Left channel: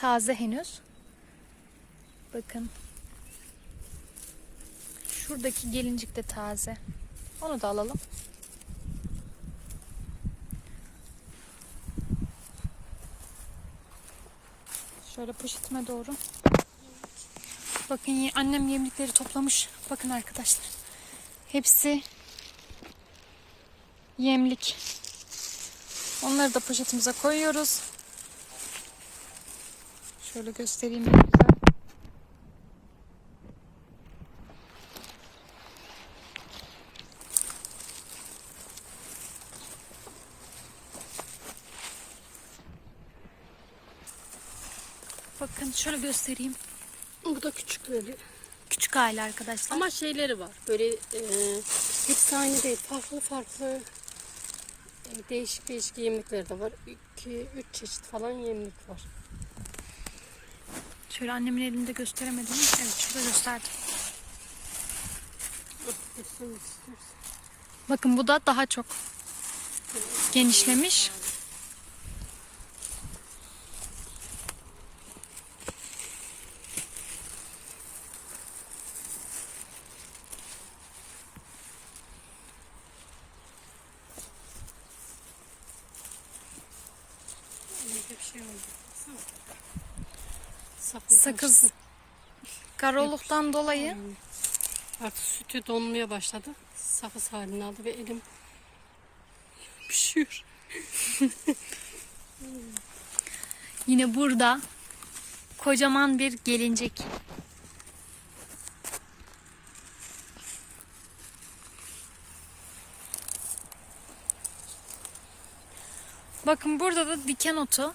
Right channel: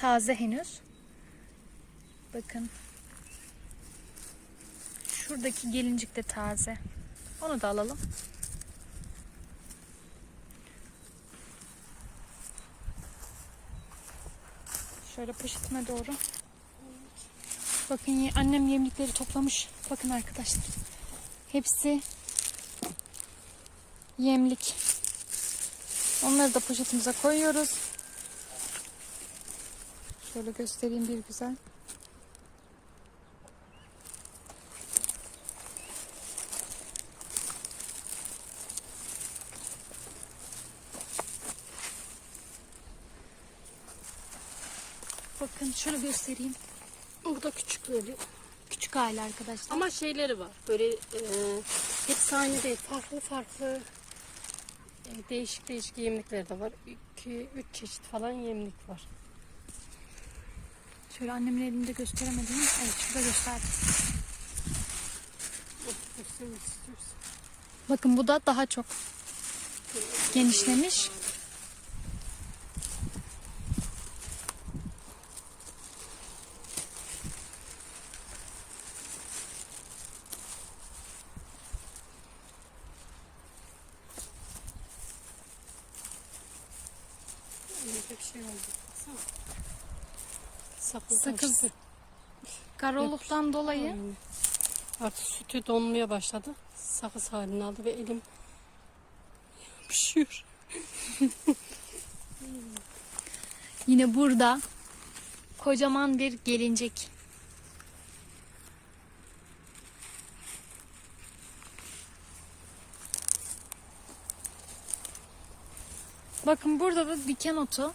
Taze henüz. Bakın. Şuradaki gelincik de taze. Onu da alalım. Şöyle poşetime doğru. Bakın annem yemlikleri toplamış. Bakın arkadaşlar. Hepsi yemlik. Onları da poşetimize koyuyoruz. Şöyle göstereyim bir güzel. Bakın şöyle göstereyim. Bu da küçükleri. Küçük aile arkadaşlar. Ama şeyleri var. Böyle e, hepsi aynı değil. Farklı farklı e, değişik değişik yemlikler de var. 2 üç çeşit falan yemlik var. Şöyle annemin elinde gösteremedim. Evet şurada gösterdim. Bakın bu da daha çok genişlemiş. Şey oldu. Sakız. Sakız. açtı. Karoluktan dolayı. Artık sütü donmaya başladı. Sakız halini aldı ve elim pişiyor. yine burada kocaman bir gelincik. Bakın burada da diken otu.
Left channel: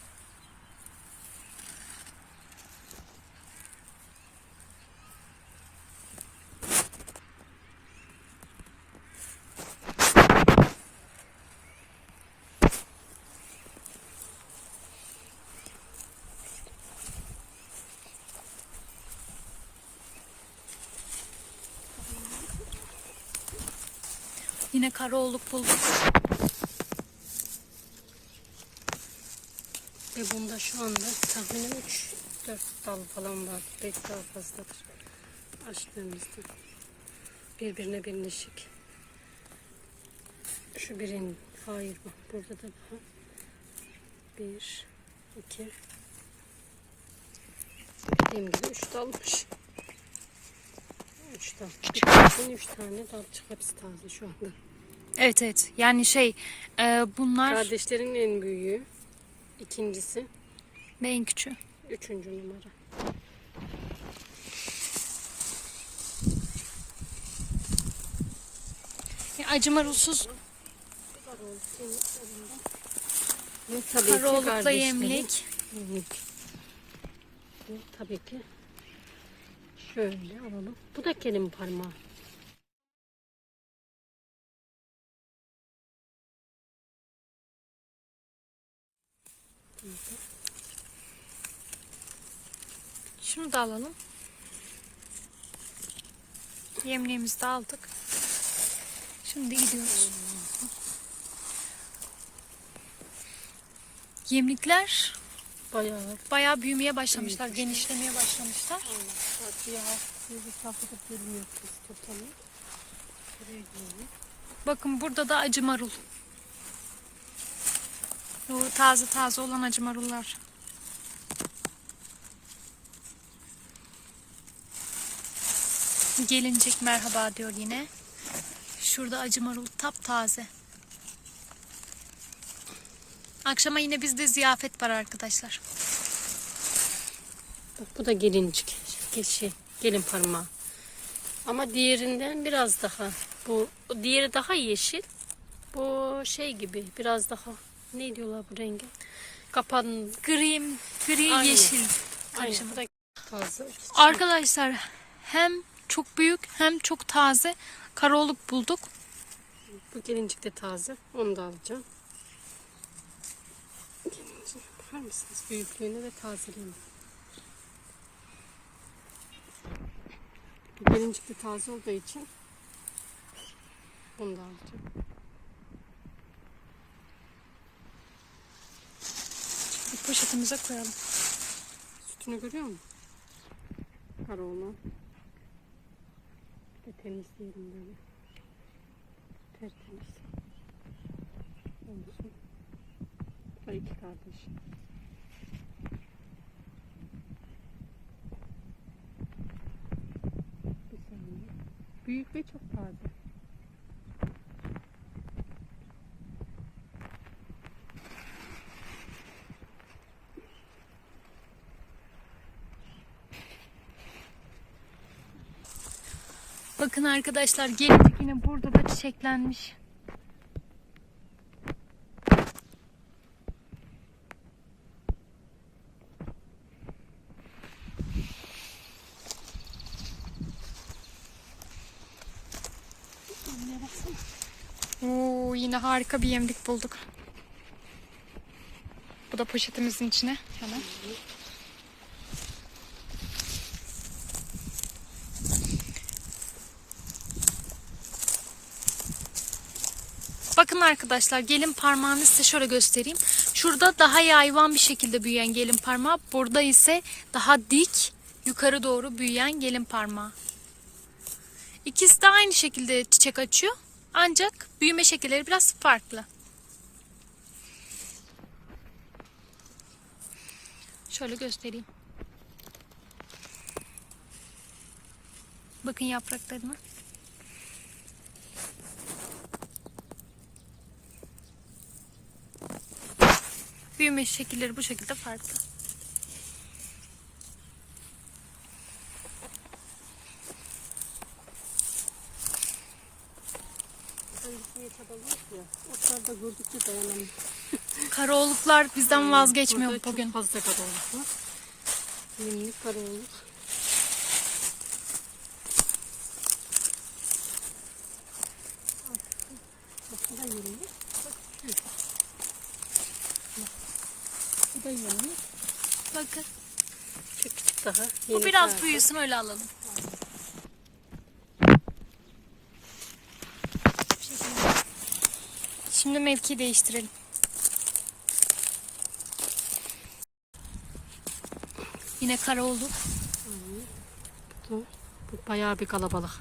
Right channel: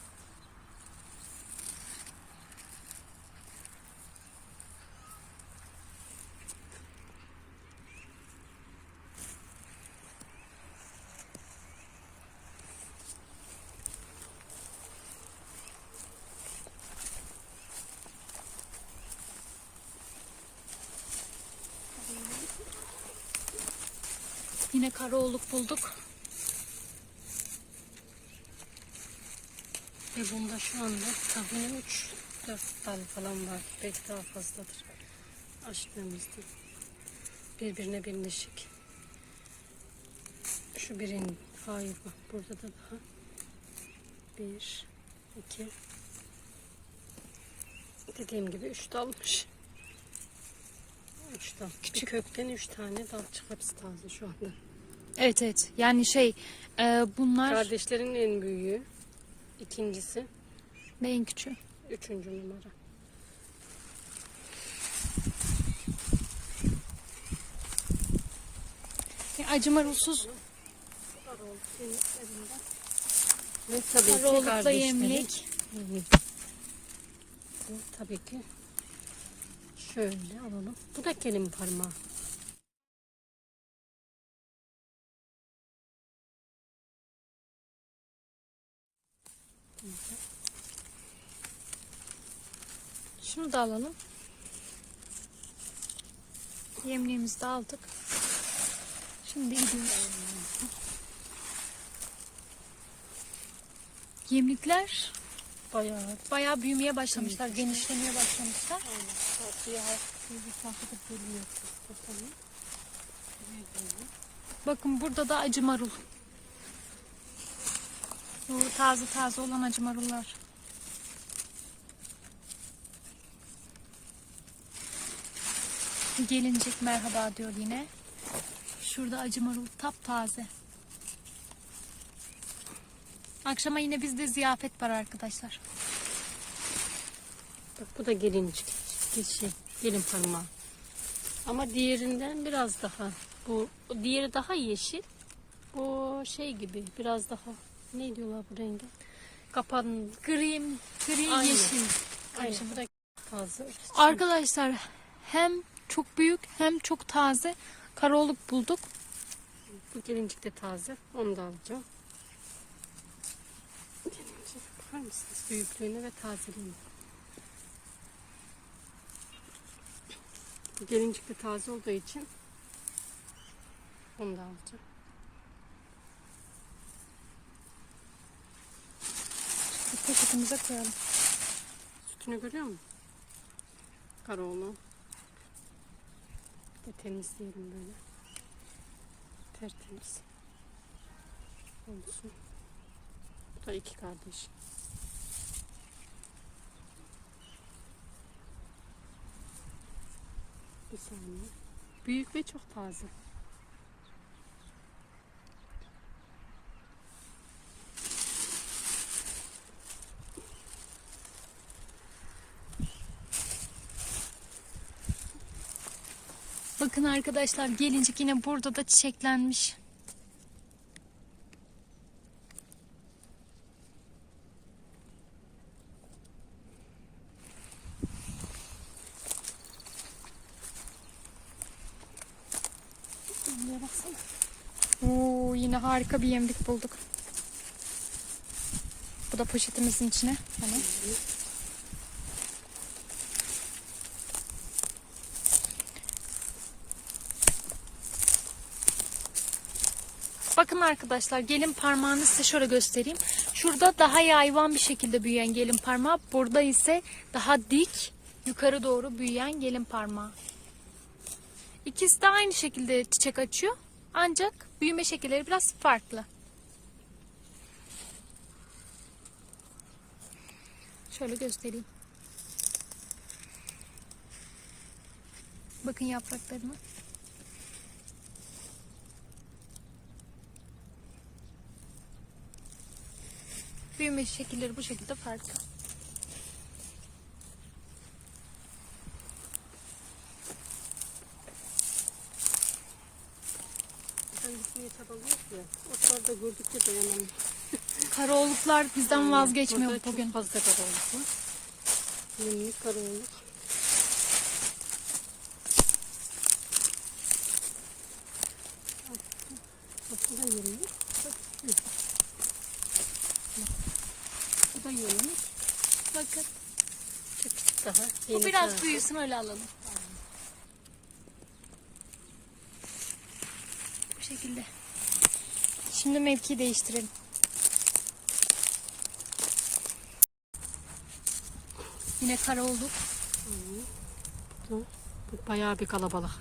Yine karaoğluk bulduk. Ve bunda şu anda tahminim 3-4 dal falan var. Belki daha fazladır. Açtığımızda. Birbirine birleşik. Şu birin, hayır bak burada da daha. Bir, iki. Dediğim gibi üç dalmış. Üç dal. Bir üç tane dal çıkarttı taze şu anda. Evet evet. Yani şey e, bunlar Kardeşlerin en büyüğü. İkincisi. ve en küçüğü. Üçüncü numara. Yani acımarulsuz Ve tabii ki karaoğlukla kardeşlerin- yemlik. Bu tabii ki şöyle alalım. Bu da kelin parmağı. Şunu da alalım. Yemliğimizi de aldık. Şimdi gidiyoruz. Bayağı Yemlikler bayağı büyümeye başlamışlar, Büyümüşler. genişlemeye başlamışlar. aynen. Bakın burada da acı marul. Bu taze taze olan acı marullar. Gelincik merhaba diyor yine. Şurada acı marul taptaze. Akşama yine bizde ziyafet var arkadaşlar. Bak bu da gelincik. Geçi, gelin parmağı. Ama diğerinden biraz daha. Bu diğeri daha yeşil. Bu şey gibi biraz daha ne diyorlar bu rengi? Kapan Gri, gri Aynı. yeşil. Da taze. Arkadaşlar hem çok büyük hem çok taze karaoluk bulduk. Bu gelincik de taze. Onu da alacağım. Gelincik bakar mısınız? Büyüklüğüne ve tazeliğine. Bu gelincik de taze olduğu için onu da alacağım. Poşetimize koyalım. Büyüklüğünü görüyor musun? Karaoğlan. Bir de temizleyelim böyle. Tertemiz. Olsun. Bu da iki kardeş. Bir saniye. Büyük ve çok taze. Bakın arkadaşlar gelecek yine burada da çiçeklenmiş. Oo, yine harika bir yemlik bulduk. Bu da poşetimizin içine hemen. Bakın arkadaşlar gelin parmağını size şöyle göstereyim. Şurada daha yayvan bir şekilde büyüyen gelin parmağı. Burada ise daha dik yukarı doğru büyüyen gelin parmağı. İkisi de aynı şekilde çiçek açıyor. Ancak büyüme şekilleri biraz farklı. Şöyle göstereyim. Bakın yapraklarına. Büyüme şekilleri bu şekilde farklı. Hangisini ya. Otlarda gördükçe dayanamıyorum. Karaoğluklar bizden vazgeçmiyor Burada bugün. Çok fazla karaoğluk var. Yemlik karaoğluk. Bak bu da yemlik. Bak şu. Bak. Bu da yemlik. Bakın. Küçük daha. Bu biraz büyüsün öyle alalım. Şimdi mevki değiştirelim. Yine kara olduk. Bu, bu bayağı bir kalabalık.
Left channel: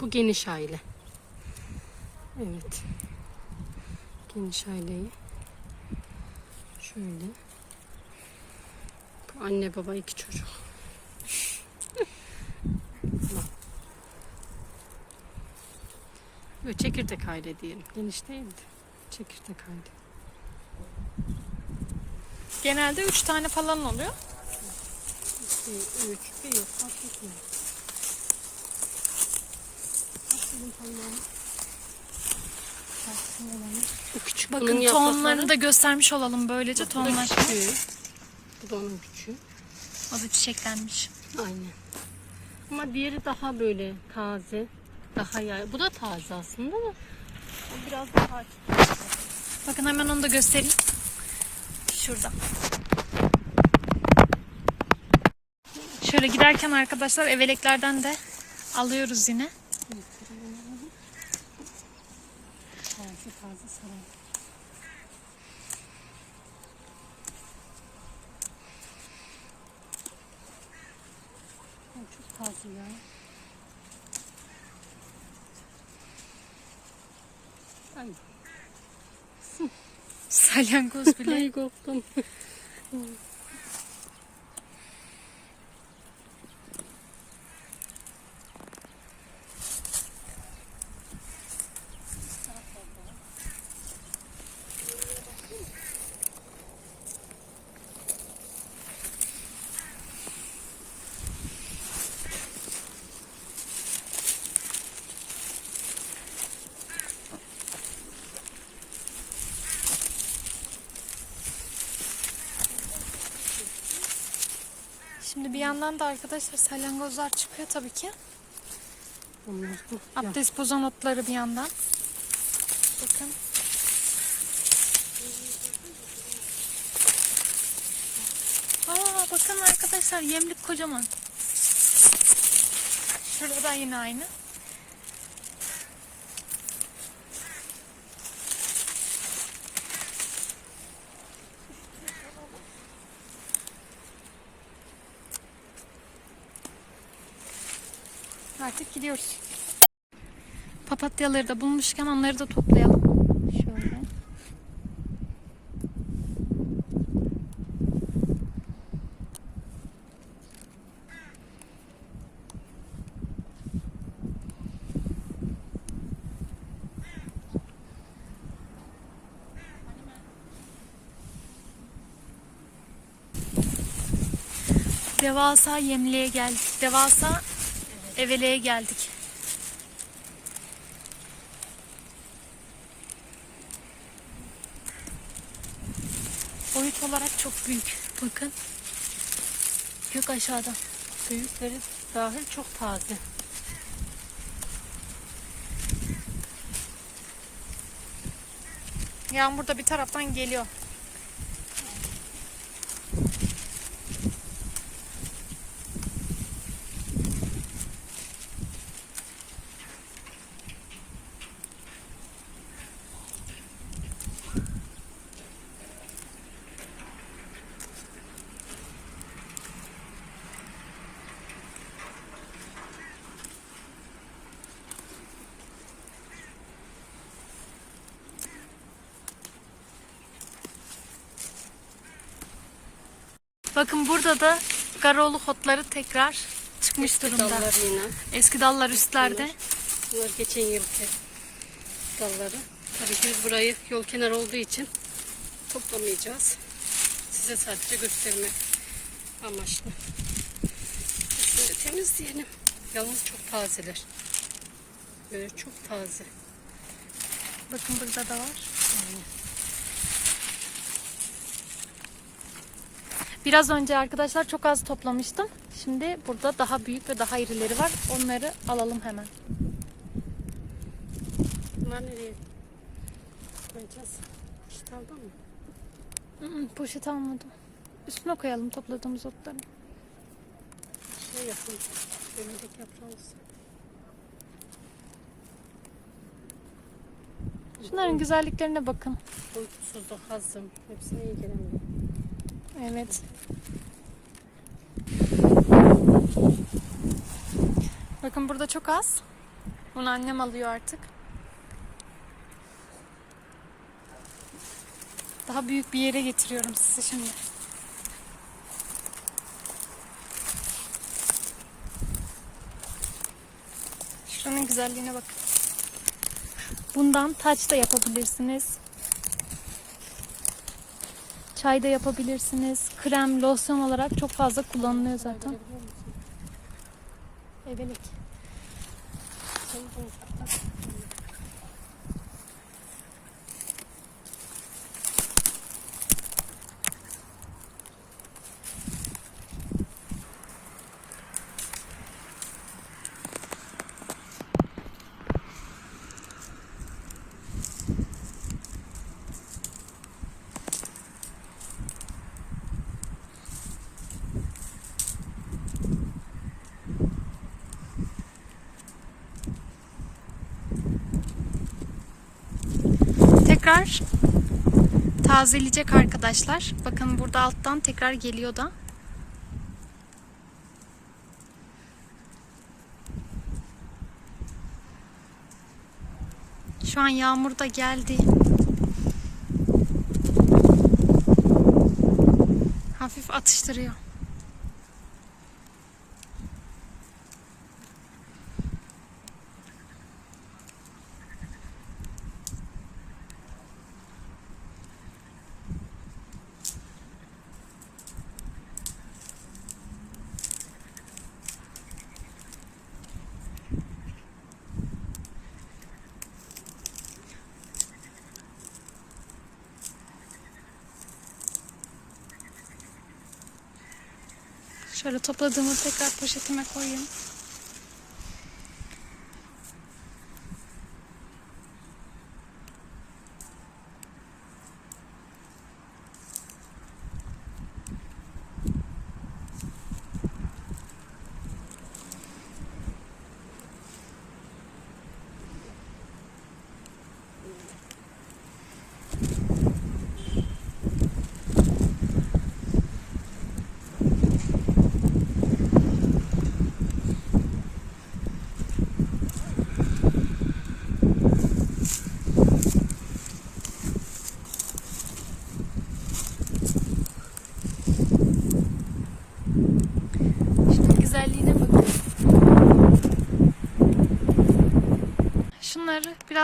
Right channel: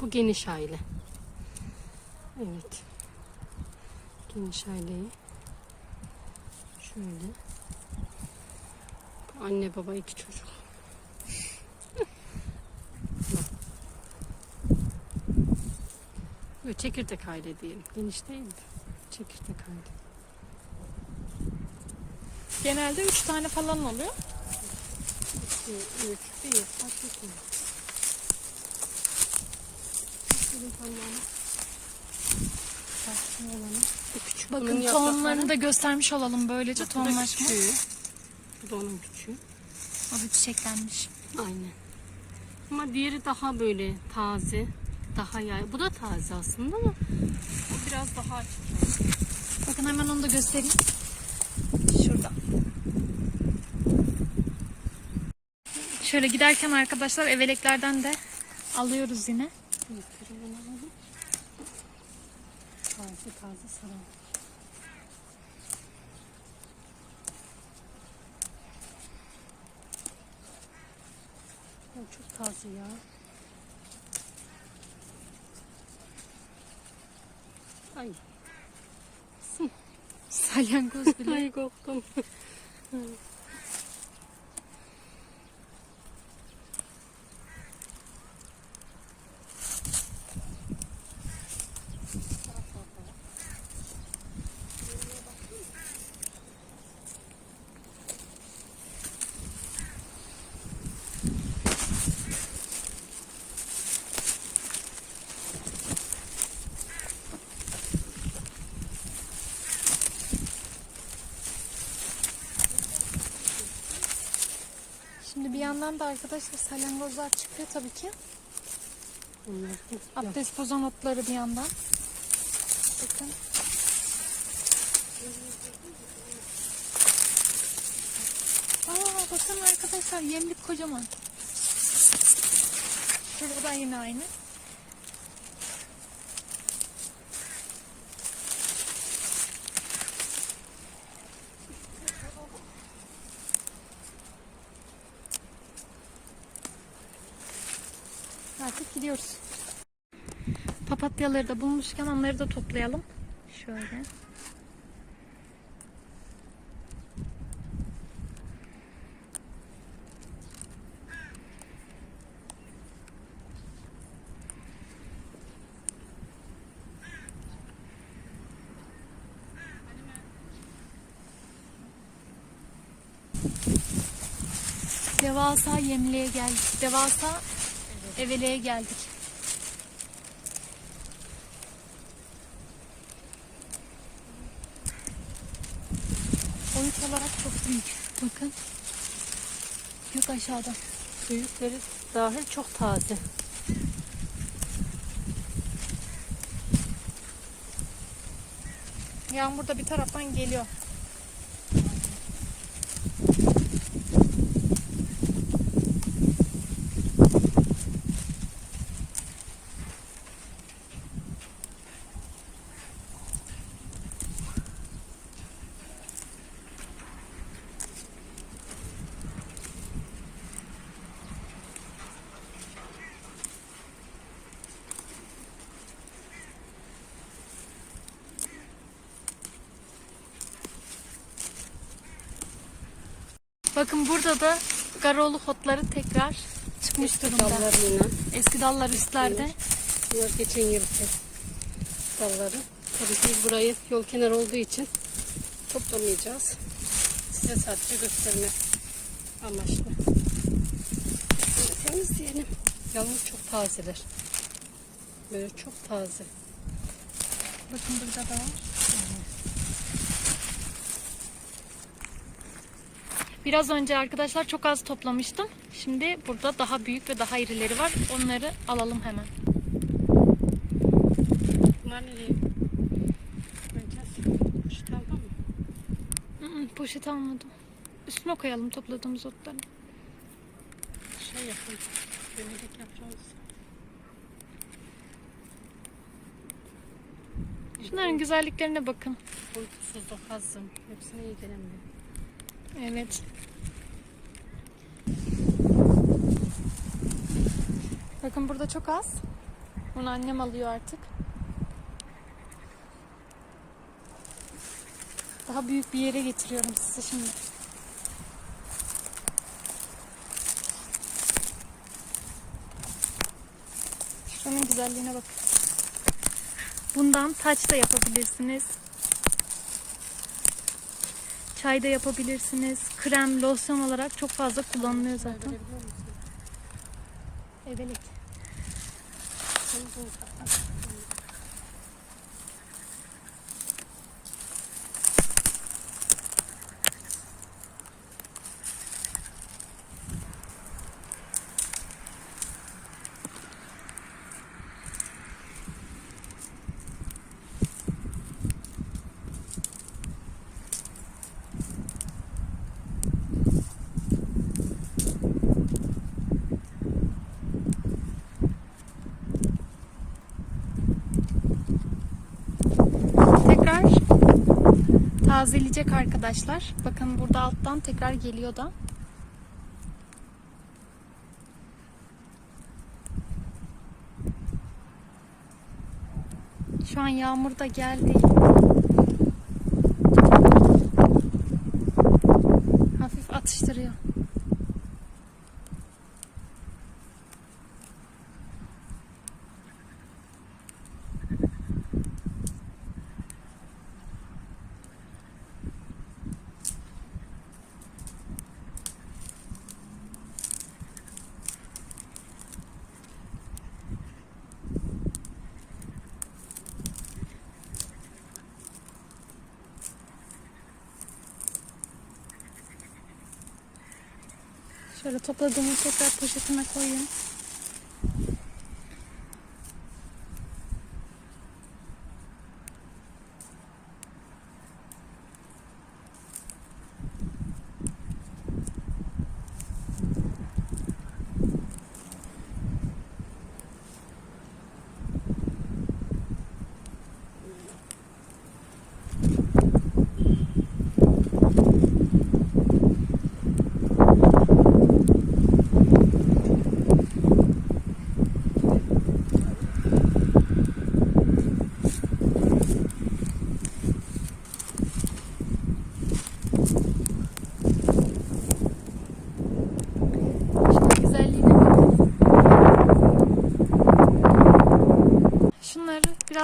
Bu geniş aile. Evet. Geniş aileyi. Şöyle. Bu anne baba iki çocuk. Böyle çekirdek aile diyelim. Geniş değil de. Çekirdek aile. Genelde 3 tane falan oluyor. Bir, üç, bir, bak iki. Bu küçük. Bunun Bakın yaprakları- tohumlarını da göstermiş olalım böylece tohumlaşma. küçüğü. Bu da onun küçüğü. O da çiçeklenmiş. Aynen. Ama diğeri daha böyle taze. Daha yay. Bu da taze aslında ama o biraz daha Bakın hemen onu da göstereyim. Şurada. Şöyle giderken arkadaşlar eveleklerden de alıyoruz yine. taze taze saran. O çok taze ya. Ay. Salyangoz bile. Korktum. Şimdi bir yandan da arkadaşlar salyangozlar çıkıyor tabii ki. Abdest bozan otları bir yandan. Bakın. Aa bakın arkadaşlar yemlik kocaman. Şurada da yine aynı. Artık gidiyoruz. Papatyaları da bulmuşken onları da toplayalım. Şöyle. Devasa yemliğe geldik. Devasa eveleye geldik. Boyut olarak çok büyük. Bakın. Gök aşağıda. Büyükleri dahil çok taze. Yağmur da bir taraftan geliyor. Bakın burada da garoğlu otları tekrar çıkmış durumda. Dallarıyla. Eski dallar üstlerde. Bunlar geçen yılki dalları. Tabii ki biz burayı yol kenarı olduğu için toplamayacağız. Size sadece göstermek amaçlı. Şöyle temizleyelim. Yalnız çok tazeler. Böyle çok taze. Bakın burada da var. Biraz önce arkadaşlar çok az toplamıştım. Şimdi burada daha büyük ve daha irileri var. Onları alalım hemen. Bunlar nereye koyacağız? Şu tarafa mı? Hı hı, Poşet almadım. Üstüne koyalım topladığımız otları. Şey yapın. Bölerek yaprağımız. Şunların güzelliklerine bakın. Uykusuzda hazım. Hepsine iyi gelemiyor. Evet. Bakın burada çok az. Bunu annem alıyor artık. Daha büyük bir yere getiriyorum sizi şimdi. Şunun güzelliğine bakın. Bundan taç da yapabilirsiniz. Çay da yapabilirsiniz. Krem, losyon olarak çok fazla kullanılıyor zaten. Görebiliyor musun? Evet. Sen de ufaktan. Tekrar tazeleyecek arkadaşlar. Bakın burada alttan tekrar geliyor da. Şu an yağmur da geldi. Hafif atıştırıyor. Şöyle topladığımı tekrar poşetime koyayım.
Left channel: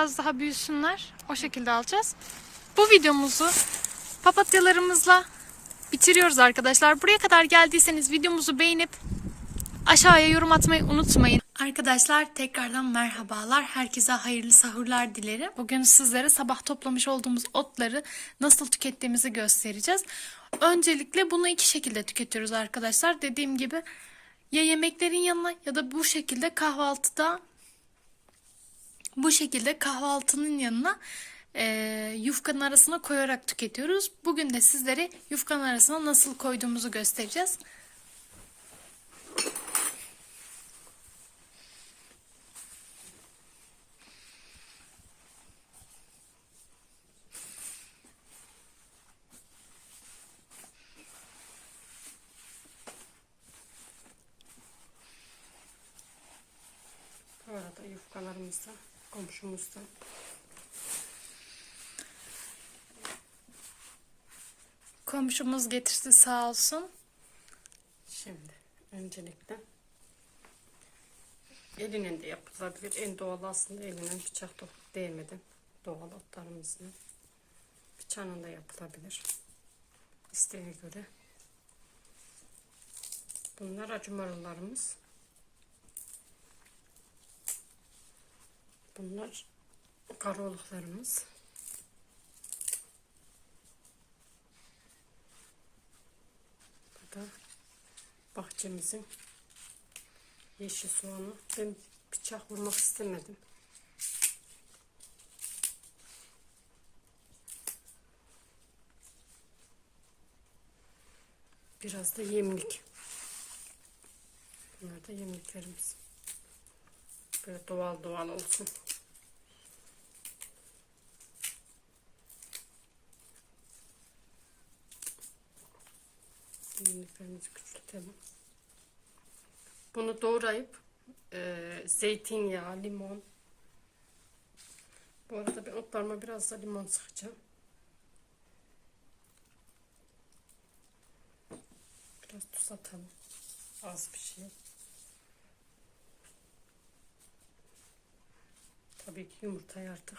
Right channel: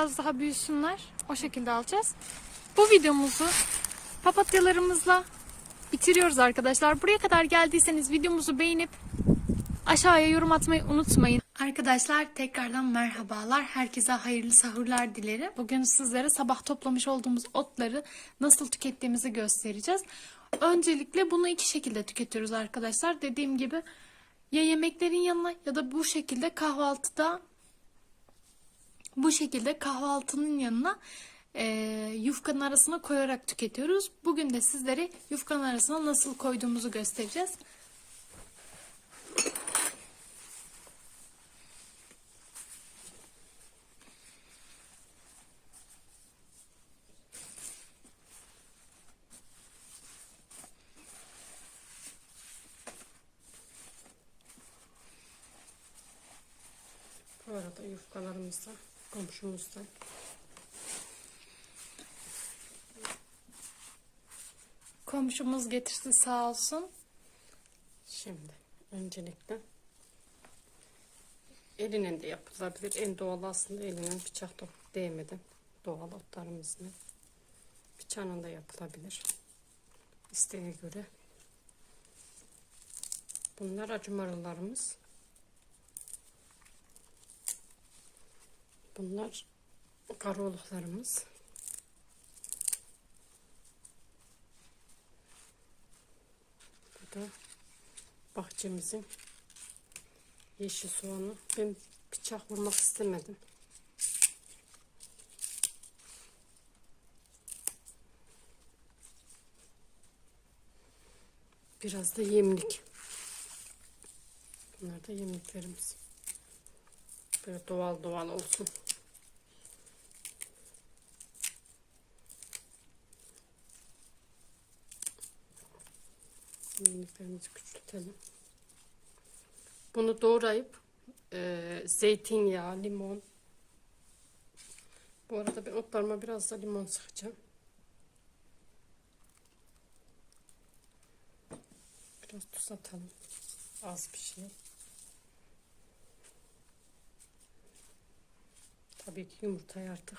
Biraz daha büyüsünler. O şekilde alacağız. Bu videomuzu papatyalarımızla bitiriyoruz arkadaşlar. Buraya kadar geldiyseniz videomuzu beğenip aşağıya yorum atmayı unutmayın. Arkadaşlar tekrardan merhabalar. Herkese hayırlı sahurlar dilerim. Bugün sizlere sabah toplamış olduğumuz otları nasıl tükettiğimizi göstereceğiz. Öncelikle bunu iki şekilde tüketiyoruz arkadaşlar. Dediğim gibi ya yemeklerin yanına ya da bu şekilde kahvaltıda bu şekilde kahvaltının yanına e, yufkanın arasına koyarak tüketiyoruz. Bugün de sizlere yufkanın arasına nasıl koyduğumuzu göstereceğiz. Bu arada yufkalarımızdan, komşumuzdan Komşumuz getirdi sağ olsun. Şimdi öncelikle elinin de yapılabilir. En doğal aslında elinin bıçak değmeden doğal otlarımızın bıçağının da yapılabilir. İsteğe göre. Bunlar acı Bunlar karoluklarımız. Bu da bahçemizin yeşil soğanı. Ben bıçak vurmak istemedim. Biraz da yemlik. Bunlar da yemliklerimiz. Böyle doğal doğal olsun. Yemliklerimizi küçültelim. Bunu doğrayıp e, zeytinyağı, limon. Bu arada ben otlarıma biraz da limon sıkacağım. Biraz tuz atalım. Az bir şey. Tabii ki yumurtayı artık.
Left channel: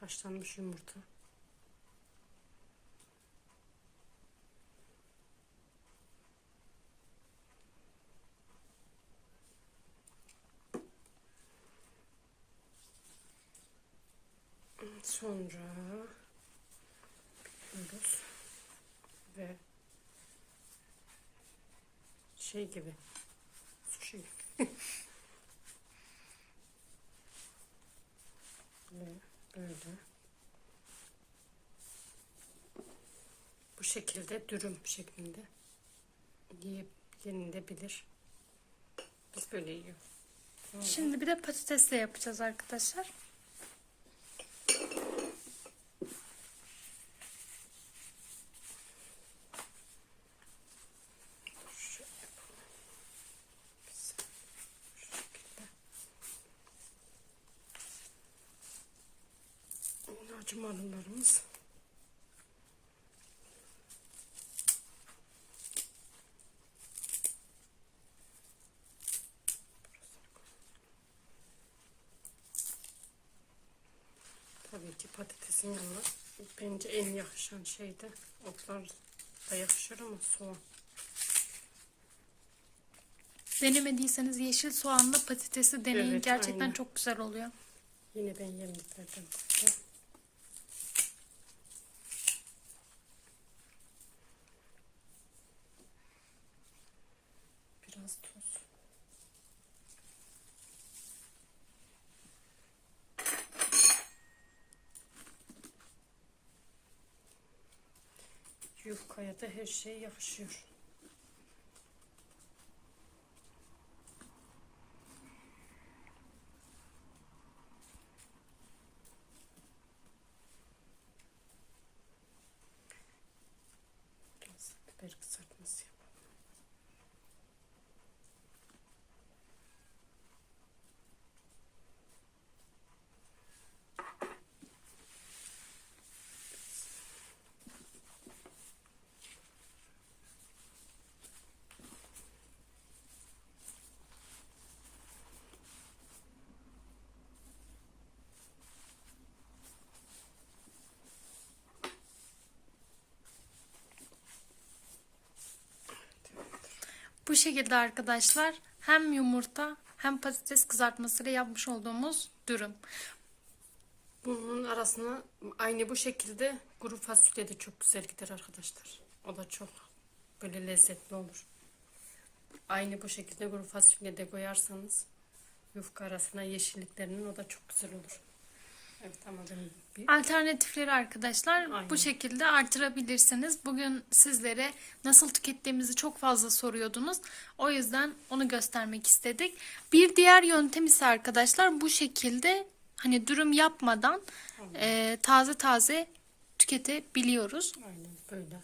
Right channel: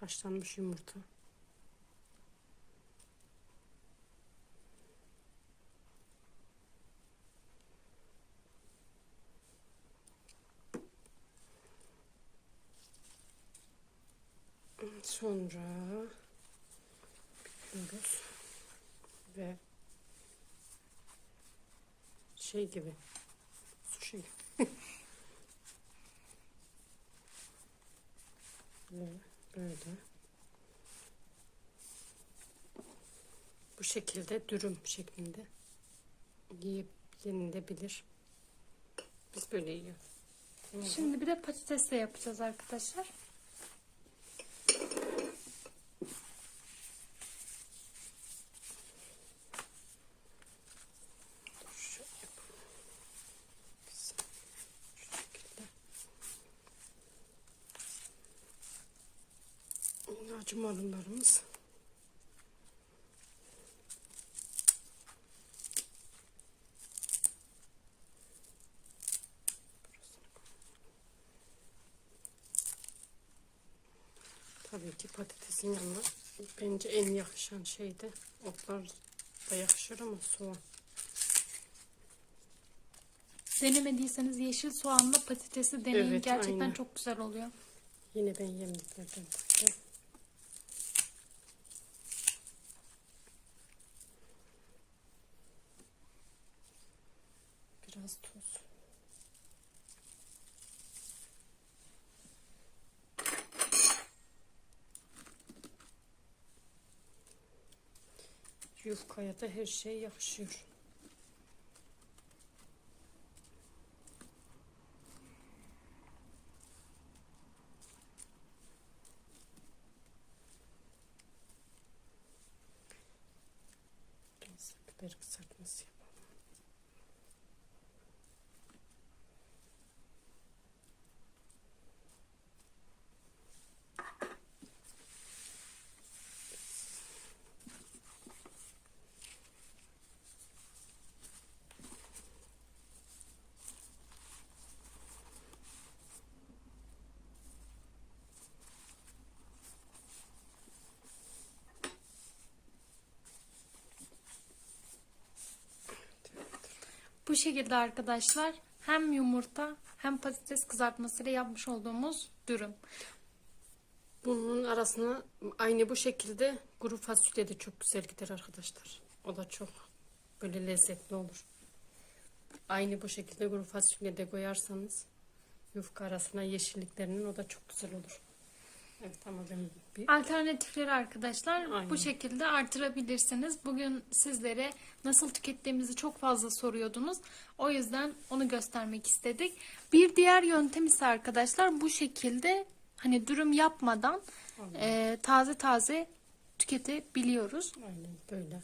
Haşlanmış yumurta. Sonra büküyoruz ve şey gibi sushi gibi ve böyle bu şekilde dürüm şeklinde yiyip yenilebilir. Biz böyle yiyoruz. Şimdi bir de patatesle yapacağız arkadaşlar. Şöyle yapalım. Biz şu şekilde. Yine acı marullarımız. Tabii ki patatesin yanına bence en yakışan şey de otlar da yakışır ama soğan. Denemediyseniz yeşil soğanla patatesi deneyin. Evet, Gerçekten aynen. çok güzel oluyor. Yine ben yemliklerden Biraz tuz. Yufkaya da her şey yakışıyor. Bu şekilde arkadaşlar hem yumurta hem patates kızartmasıyla yapmış olduğumuz dürüm. Bunun arasına aynı bu şekilde kuru fasulye de çok güzel gider arkadaşlar. O da çok böyle lezzetli olur. Aynı bu şekilde kuru fasulye de koyarsanız yufka arasına yeşilliklerinin o da çok güzel olur. Evet Alternatifleri arkadaşlar Aynen. bu şekilde artırabilirsiniz. Bugün sizlere nasıl tükettiğimizi çok fazla soruyordunuz. O yüzden onu göstermek istedik. Bir diğer yöntem ise arkadaşlar bu şekilde hani dürüm yapmadan e, taze taze tüketebiliyoruz. aynen böyle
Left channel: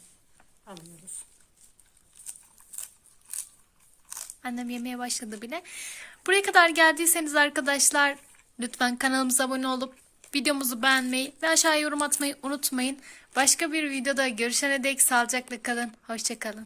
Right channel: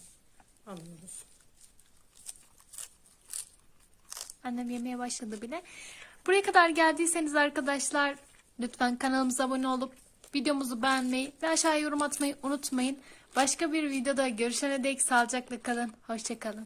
alıyoruz. Annem yemeye başladı bile. Buraya kadar geldiyseniz arkadaşlar lütfen kanalımıza abone olup videomuzu beğenmeyi ve aşağıya yorum atmayı unutmayın. Başka bir videoda görüşene dek sağlıcakla kalın. Hoşçakalın.